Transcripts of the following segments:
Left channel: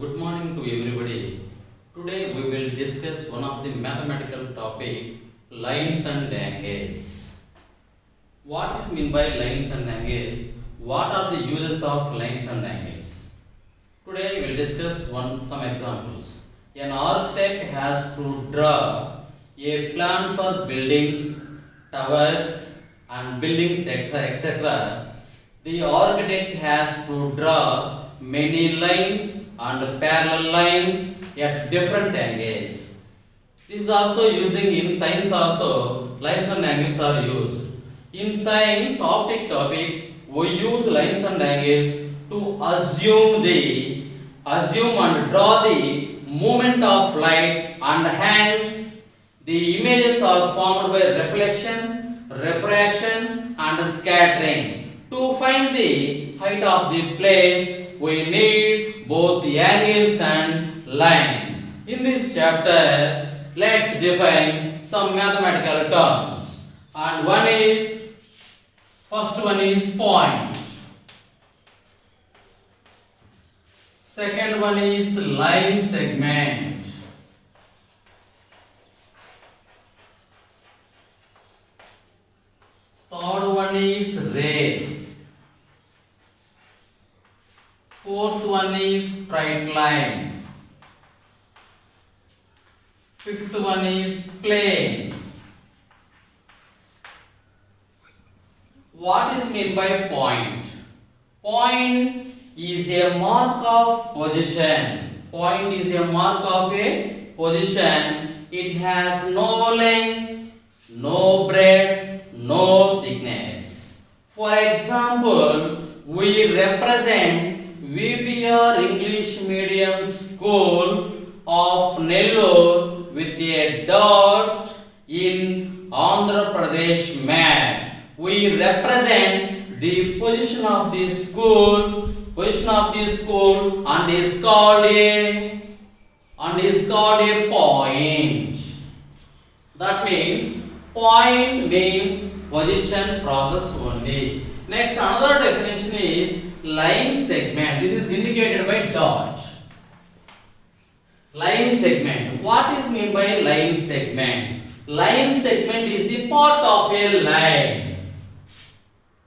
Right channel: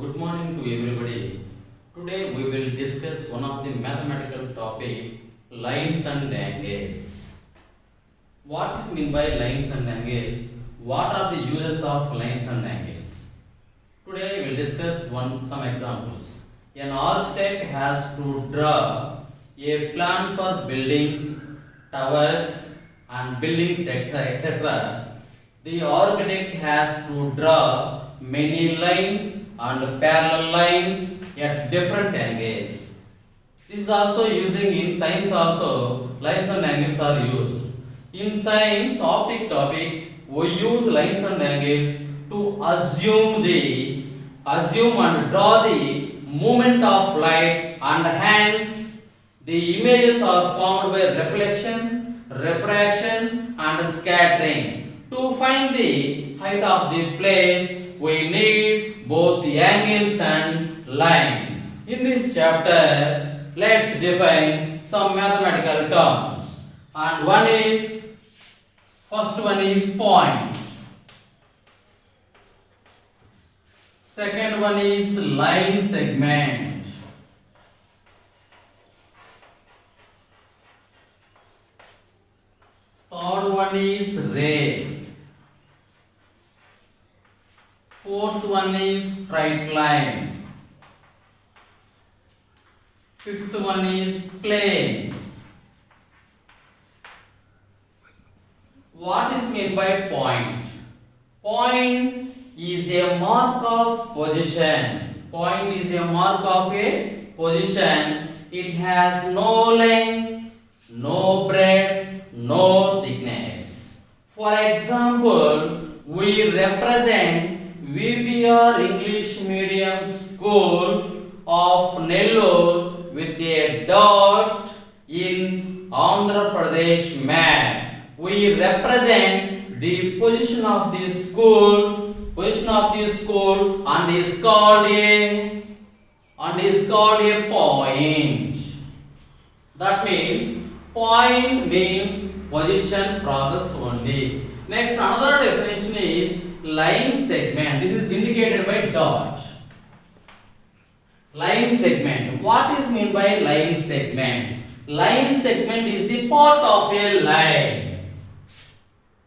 Good morning to everybody. Today we will discuss one of the mathematical topic, lines and angles. What is mean by lines and angles? What are the uses of lines and angles? Today we will discuss some examples. An architect has to draw a plan for buildings, towers and buildings etc. The architect has to draw many lines and parallel lines at different angles. This is also using in science also, lines and angles are used. In science optic topic, we use lines and angles to assume and draw the movement of light, and hence the images are formed by reflection, refraction and scattering. To find the height of the place, we need both the angles and lines. In this chapter, let's define some mathematical terms. And first one is point. Second one is line segment. Third one is ray. Fourth one is straight line. Fifth one is plane. What is meant by point? Point is a mark of position. Point is a mark of a position. It has no length, no breadth, no thickness. For example, we represent VBR English Medium School of Nellore with a dot in Andhra Pradesh map. We represent the position of the school, and is called a point. That means point means position process only. Next, another definition is line segment. This is indicated by dot. Line segment. What is meant by line segment? Line segment is the part of a line.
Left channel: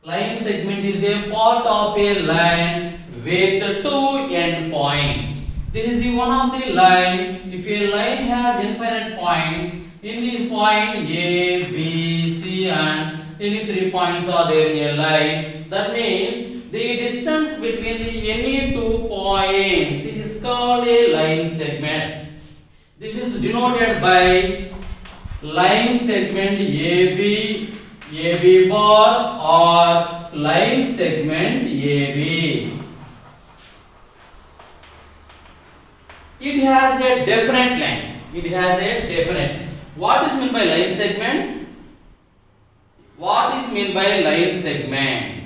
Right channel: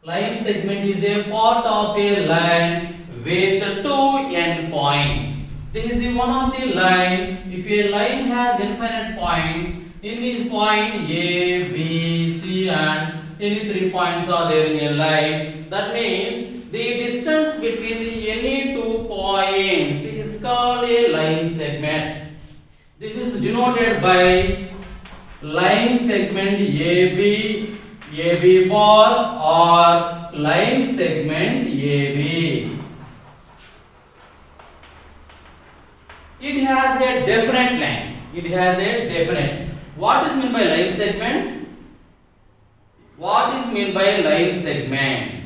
Line segment is a part of a line with two endpoints. This is the one of the line. If a line has infinite points, in this point A, B, C and any 3 points are there in a line. That means the distance between the any 2 points is called a line segment. This is denoted by line segment AB bar or line segment AB. It has a definite line. What is meant by line segment?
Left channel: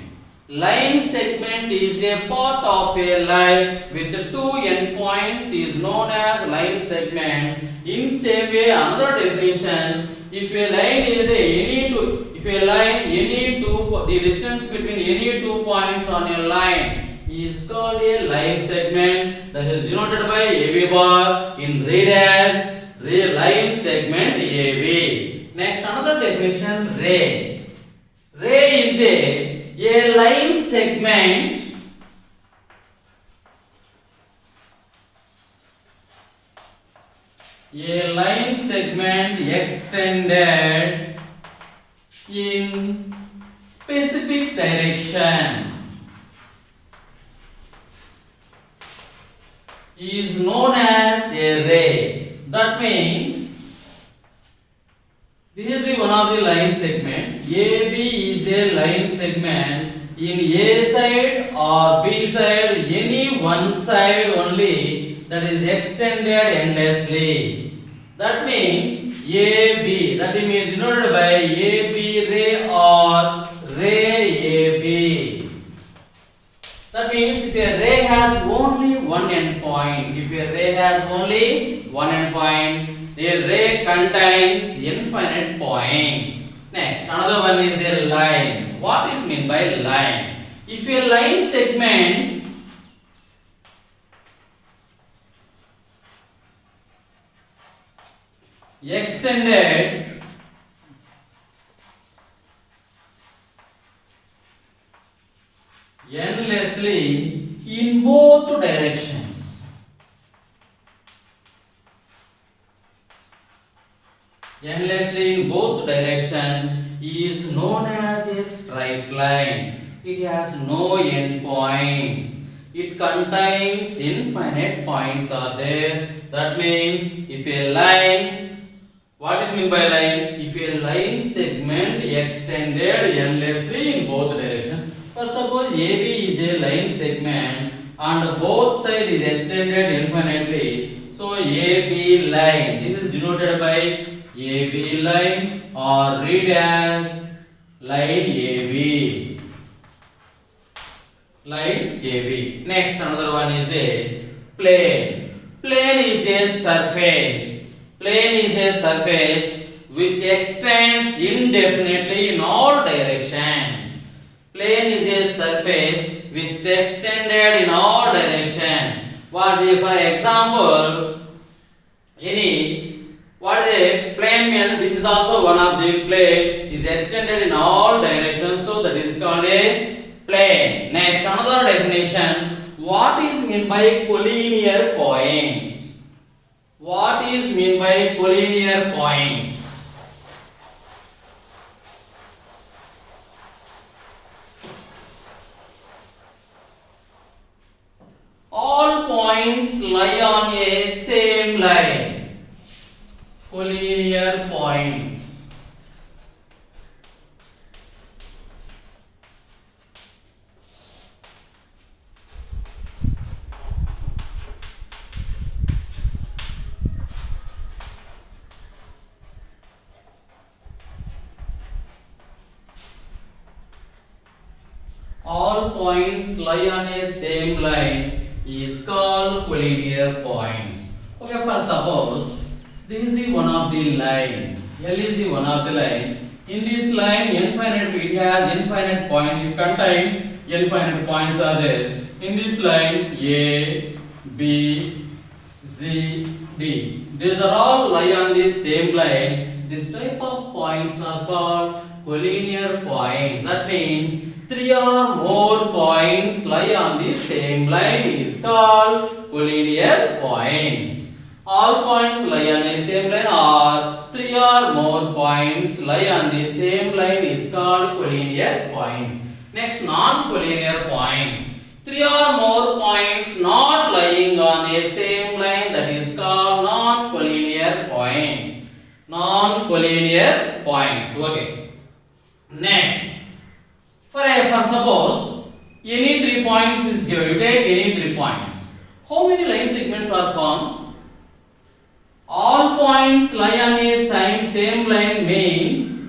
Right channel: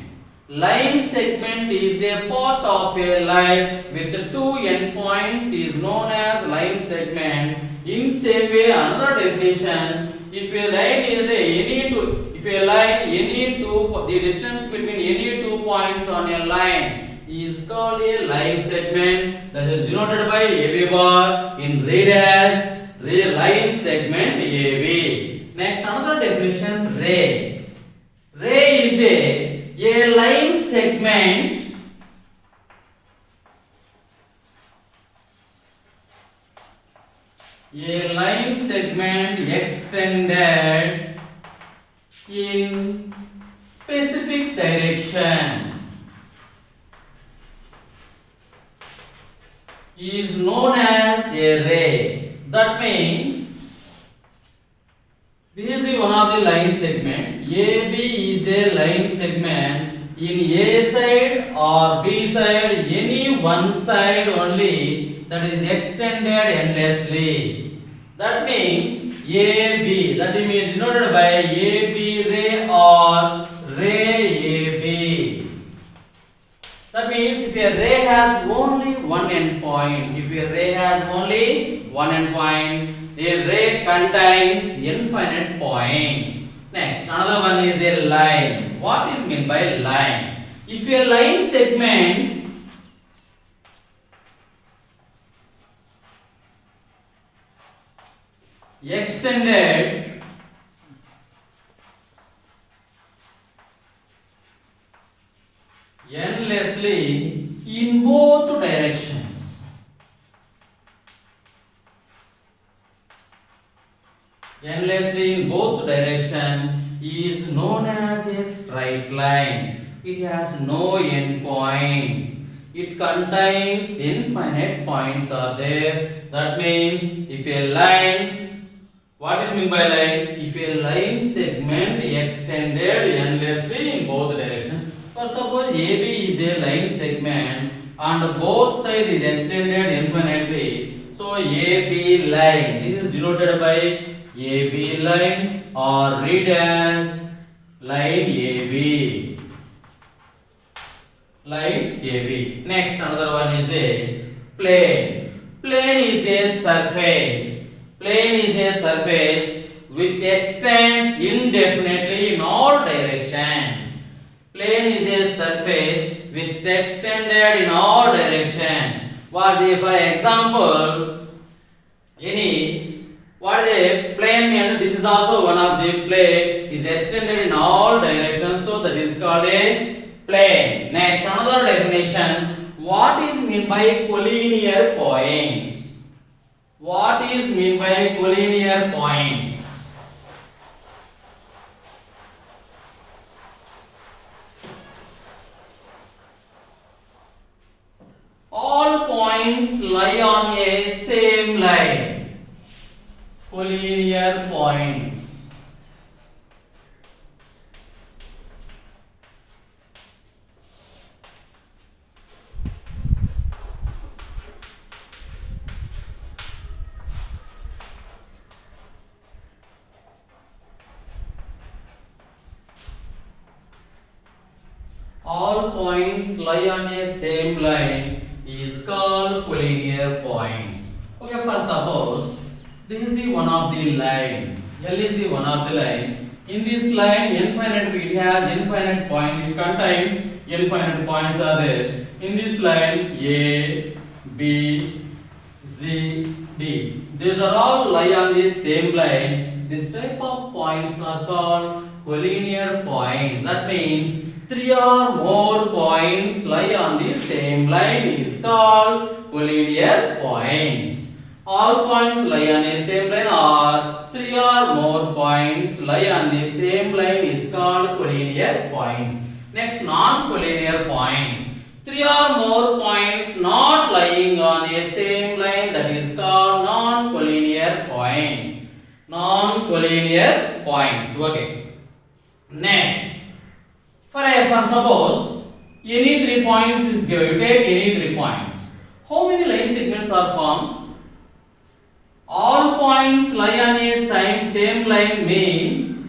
Line segment is a part of a line with two endpoints is known as line segment. In same way, another definition: if a line the distance between any 2 points on a line is called a line segment. That is denoted by AB bar in read as line segment AB. Next, another definition: ray. Ray is a line segment extended in specific direction is known as a ray. That means this is the one of the line segment. AB is a line segment in A side or B side, any one side only, that is extended endlessly. That means AB, that is denoted by AB ray or ray AB. That means if a ray has only one endpoint, a ray contains infinite points. Next, another one is a line. What is meant by line? If a line segment extended endlessly in both directions. Endlessly in both direction is known as a straight line. It has no end points. It contains infinite points are there. That means if a line, what is meant by line? If a line segment extended endlessly in both directions. For suppose AB is a line segment and both sides is extended infinitely. So AB line, this is denoted by AB line or read as line AB. Line AB. Next, another one is a plane. Plane is a surface. Plane is a surface which extends indefinitely in all directions. Plane is a surface which is extended in all directions. What if, for example, what is a plane means? This is also one of the plane is extended in all directions, so that is called a plane. Next, another definition. What is meant by collinear points? What is meant by collinear points? All points lie on a same line. Collinear points. All points lie on a same line is called collinear points. Okay, for suppose this is the one of the line. L is the one of the line. In this line, infinite, it has infinite point. It contains infinite points are there. In this line, A, B, Z, D. These are all lie on the same line. This type of points are called collinear points. That means three or more points lie on the same line is called collinear points. All points lie on the same line or three or more points lie on the same line is called collinear points. Next, non-collinear points. Three or more points not lying on a same line, that is called non-collinear points. Non-collinear points. Okay. Next, for suppose any 3 points is given, you take any 3 points. How many line segments are formed? All points lie on a same line means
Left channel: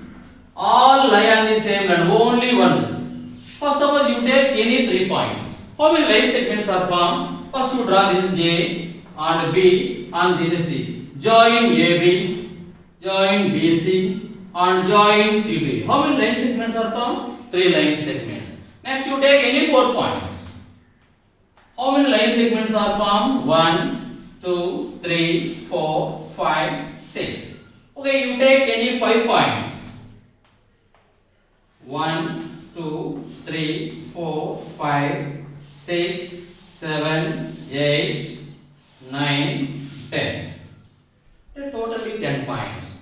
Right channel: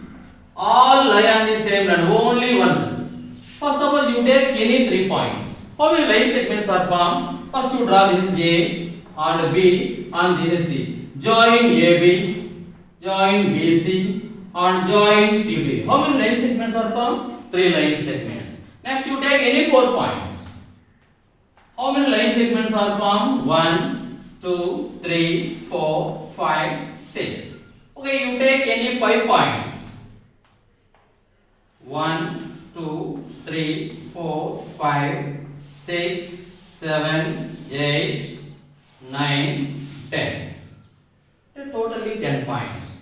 all lie on the same line, only one. For suppose you take any 3 points. How many line segments are formed? First you draw this A and B and this is C. Join AB, join BC and join CB. How many line segments are formed? 3 line segments. Next you take any 4 points. How many line segments are formed? 1, 2, 3, 4, 5, 6. Okay, you take any 5 points. 1, 2, 3, 4, 5, 6, 7, 8, 9, 10. Totally 10 points.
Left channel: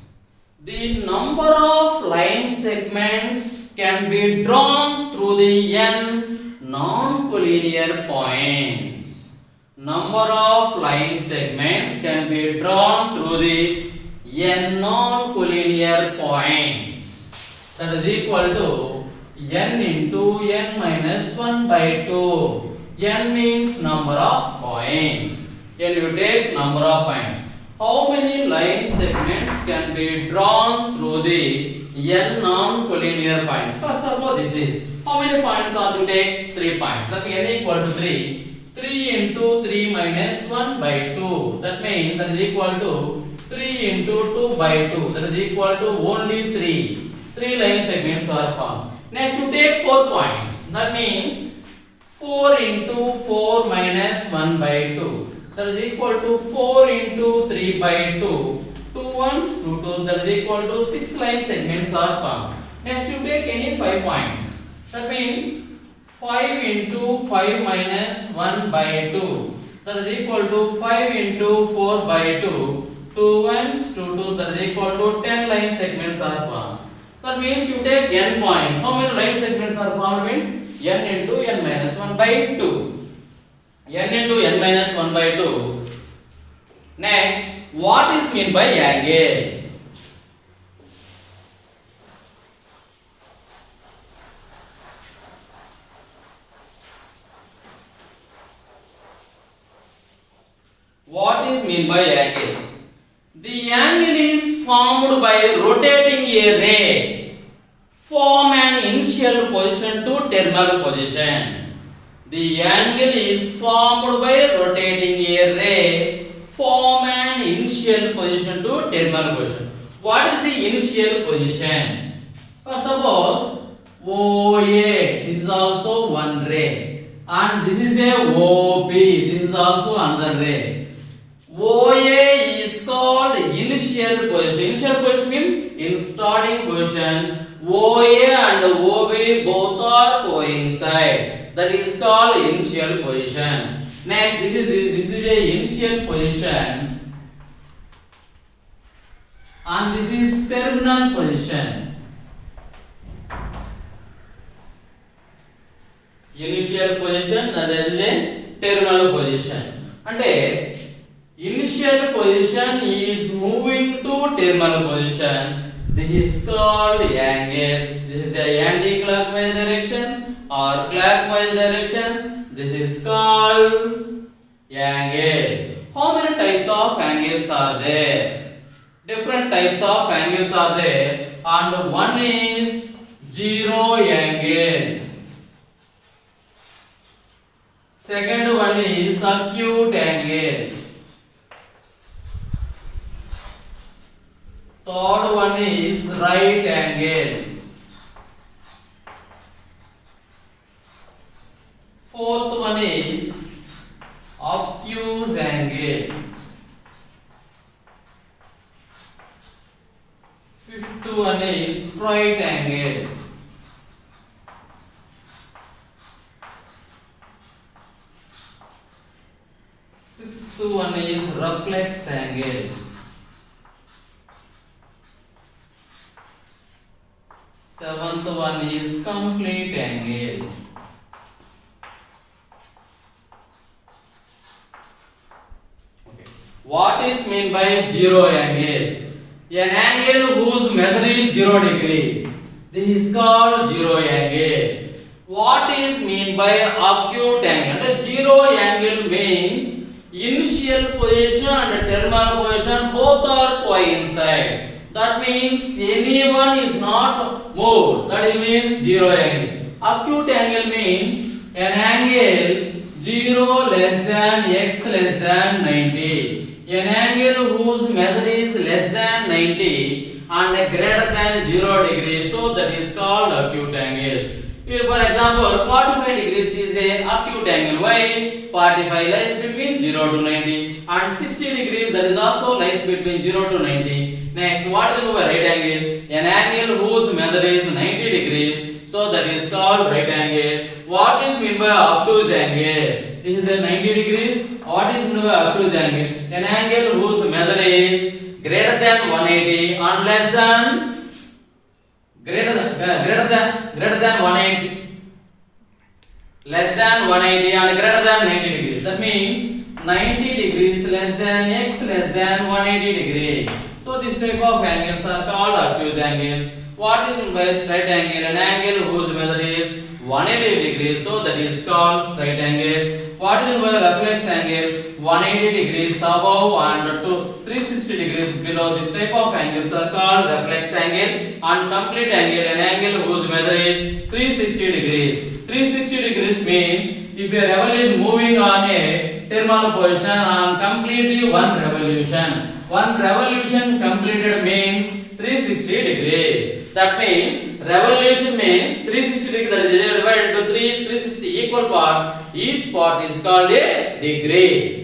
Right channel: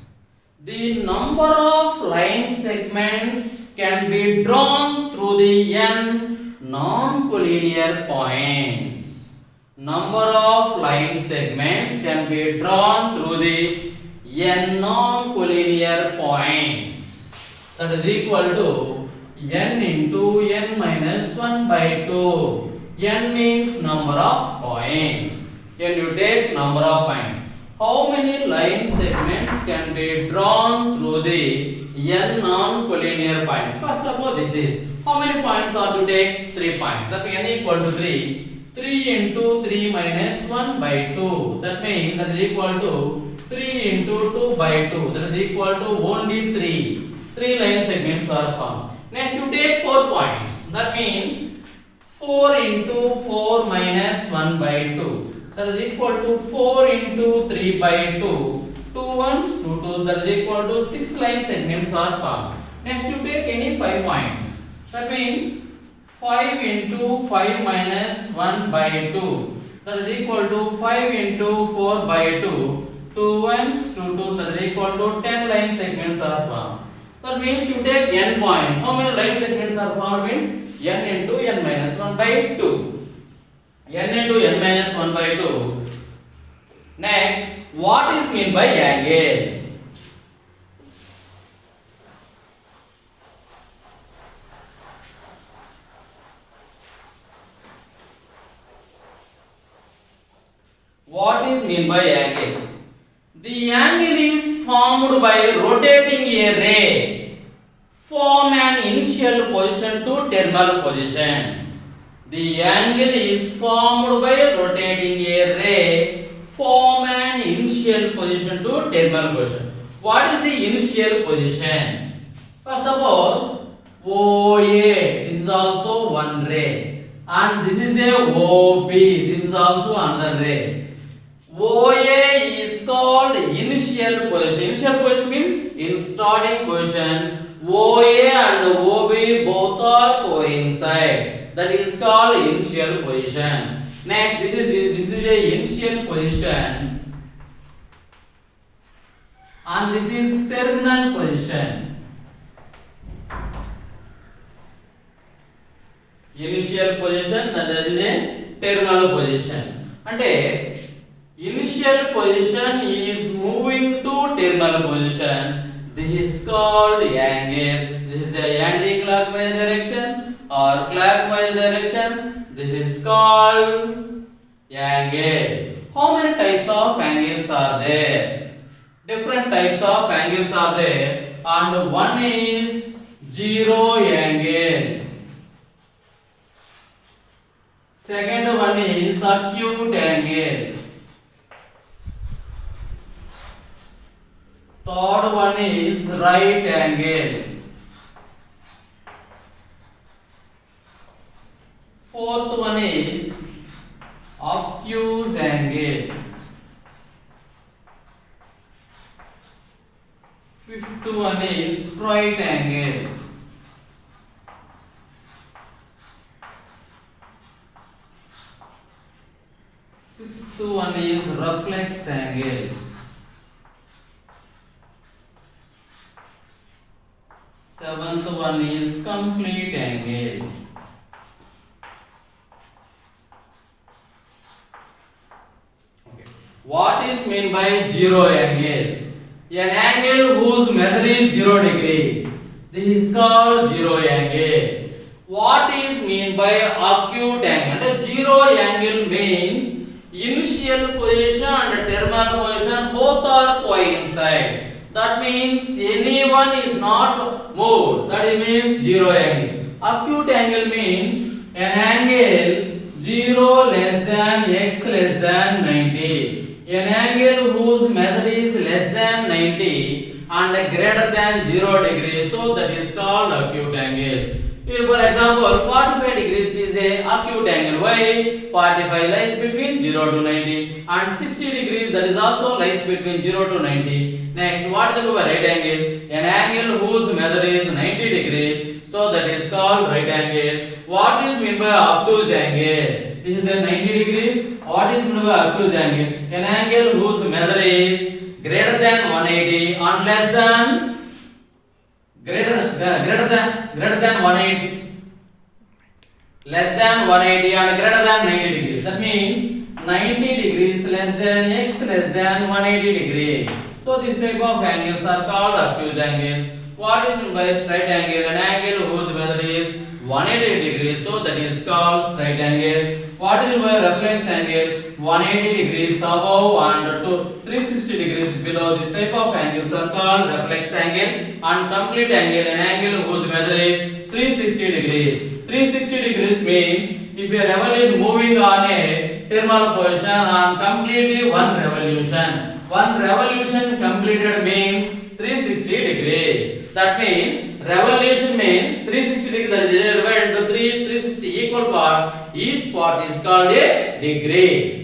The number of line segments can be drawn through the n non-collinear points. Number of line segments can be drawn through the n non-collinear points. That is equal to n into n minus 1 by 2. N means number of points. Then you take number of points. How many line segments can be drawn through the n non-collinear points? First suppose this is, how many points are to take? 3 points. That means n equal to 3. 3 into 3 minus 1 by 2. That means that is equal to 3 into 2 by 2. That is equal to only 3. 3 line segments are formed. Next you take 4 points. That means 4 into 4 minus 1 by 2. That is equal to 4 into 3 by 2. Two ones, two twos, that is equal to 6 line segments are formed. Next, you take any 5 points. That means 5 into 5 minus 1 by 2. That is equal to 5 into 4 by 2. Two ones, two twos, that is equal to 10 line segments are formed. That means you take n points. How many line segments are formed? Means n into n minus 1 by 2. N into n minus 1 by 2. Next, what is meant by angle? What is meant by angle? The angle is formed by rotating a ray from an initial position to terminal position. The angle is formed by rotating a ray from an initial position to terminal position. What is the initial position? Suppose OA, this is also one ray, and this is a OB, this is also another ray. OA is called initial position. Initial position means in starting position, OA and OB both are coincide. That is called initial position. Next, this is a initial position, and this is terminal position. Initial position and this is a terminal position. And initial position is moving to terminal position. This is called angle. This is a anti-clockwise direction or clockwise direction. This is called angle. How many types of angles are there? Different types of angles are there, and one is zero angle. Second one is acute angle. Third one is right angle. Fourth one is obtuse angle. Fifth one is straight angle. Sixth one is reflex angle. Seventh one is complete angle. Okay. What is meant by zero angle? An angle whose measure is 0 degrees. This is called zero angle. What is meant by acute angle? The zero angle means initial position and terminal position both are coincide. That means anyone is not moved. That means zero angle. Acute angle means an angle 0 less than x less than 90. An angle whose measure is less than 90 and greater than 0 degrees. So that is called acute angle. Here for example, 45 degrees is a acute angle. Why? 45 lies between 0 to 90, and 60 degrees that is also lies between 0 to 90. Next, what is the right angle? An angle whose measure is 90 degrees. So that is called right angle. What is meant by obtuse angle? This is a 90 degrees. What is meant by obtuse angle? An angle whose measure is greater than 180 and less than greater than 180, less than 180 and greater than 90 degrees. That means 90 degrees less than x less than 180 degrees. So this type of angles are called obtuse angles. What is meant by straight angle? An angle whose measure is 180 degrees. So that is called straight angle. What is meant by reflex angle? 180 degrees above and to 360 degrees below. This type of angles are called reflex angle. And complete angle, an angle whose measure is 360 degrees. 360 degrees means if a revolution moving on a terminal position and completely one revolution. One revolution completed means 360 degrees. That means revolution means 360 degrees, that is divided into 360 equal parts. Each part is called a degree.